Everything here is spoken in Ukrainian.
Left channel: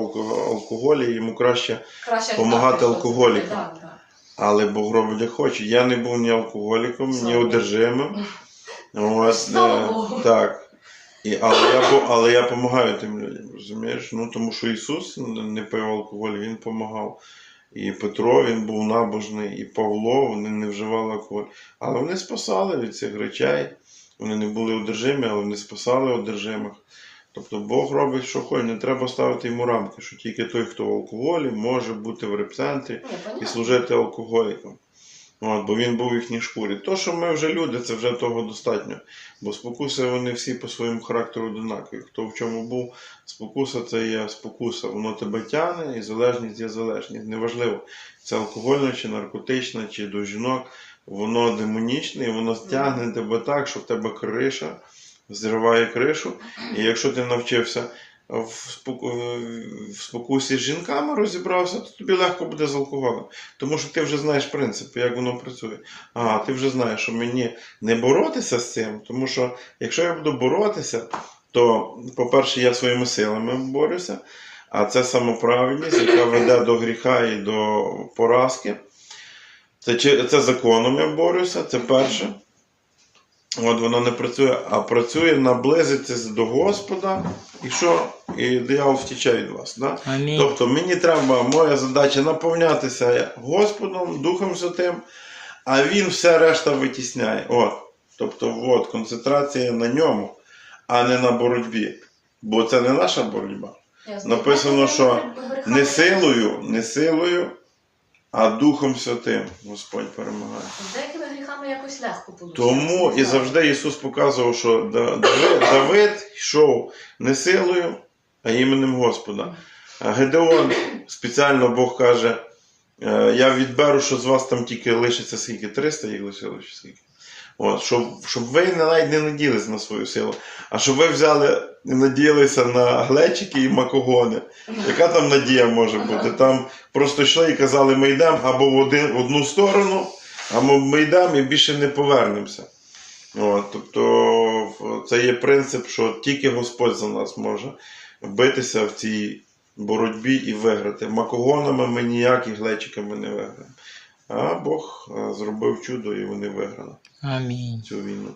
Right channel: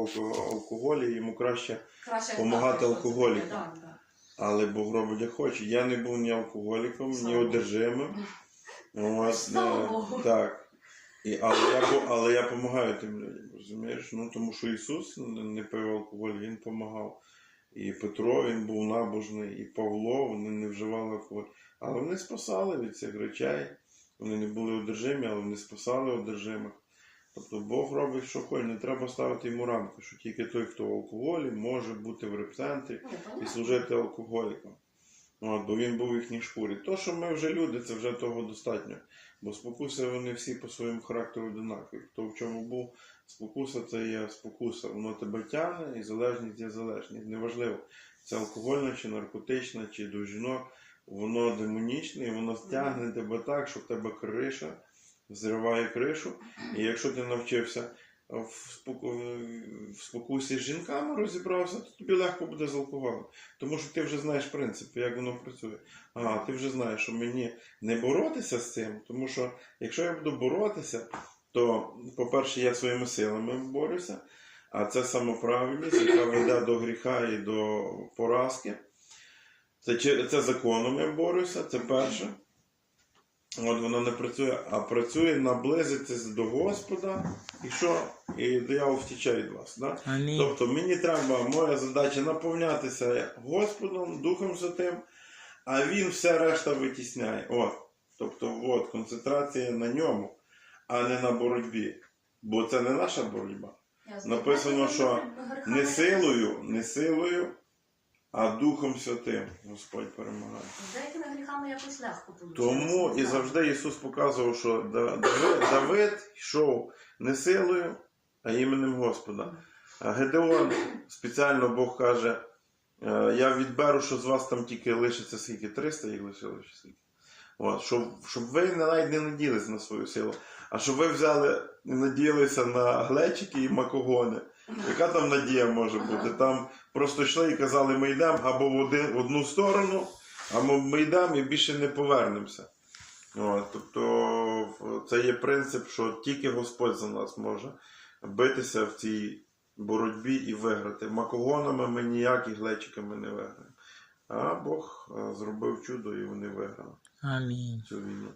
алко- алкоголі, йому краще. Краще Помагати знати, що це алкоголікам. так, так. Але Бог робить як хоче. Я не був ні алкоголіком, ні Слава Богу. одержимим. Е. Так. І, але, я, але я допомагаю тим людям, розумієш? Ну, тому що Ісус не пив алкоголь, Він допомагав. І Петро він був набожний, і Павло вони не вживали алкоголь. Але вони спасали від цих речей. Вони не були одержимі, але вони спасали одержимих. Тобто Бог робить, що хоче, не треба ставити йому рамки, що тільки той, хто в алкоголі, може бути в репцентрі і служити алкоголікам. От, бо він був в їхній шкурі. То, що ми вже люди, це вже того достатньо. Бо спокуси вони всі по своєму характеру одинакові. Хто в чому був, спокуса це є спокуса. Воно тебе тягне, і залежність є залежність. Неважливо, це алкогольна чи наркотична, чи до жінок. Воно демонічне, і воно стягне тебе так, що в тебе криша, зриває кришу. І якщо ти навчився в, споку... в спокусі з жінками розібрався, то тобі легко буде з алкоголем. Тому що ти вже знаєш принципи, як воно працює. Ага, ти вже знаєш, що мені не боротися з цим, тому що якщо я буду боротися, то, по-перше, я своїми силами борюся, а це самоправедність, яка веде до гріха і до поразки. Це, це законом я борюся, це перше. От воно не працює, а працює наблизитися до Господа, і що? І диявол втіче від вас. Да? Амінь. Тобто мені треба, моя задача наповнятися Господом, Духом Святим, а Він все решта витісняє. От. Тобто, от, концентрація на ньому, а не на боротьбі. Бо це не наша боротьба. Написано, що Не силою, не силою, а Духом Святим Господь перемагає. З якось легко получається. Тому і завжди Ісус показував, що Давид, Давид йшов не силою, а іменем Господа. А Гедеон спеціально Бог каже: е, я відберу, що з вас там тільки лишиться скільки 300 їх лишилось чи скільки. От, щоб, щоб ви не- навіть не надіялись на свою силу, а щоб ви взяли і надіялися на глечики і макогони. Яка там надія може бути? Там просто йшли і казали, ми йдемо або в, один, в одну сторону, або ми йдемо і більше не повернемося. От, тобто це є принцип, що тільки Господь за нас може битися в цій боротьбі і виграти. Макогонами ми ніякі глечиками не виграємо. А Бог зробив чудо і вони виграли Амінь. цю війну.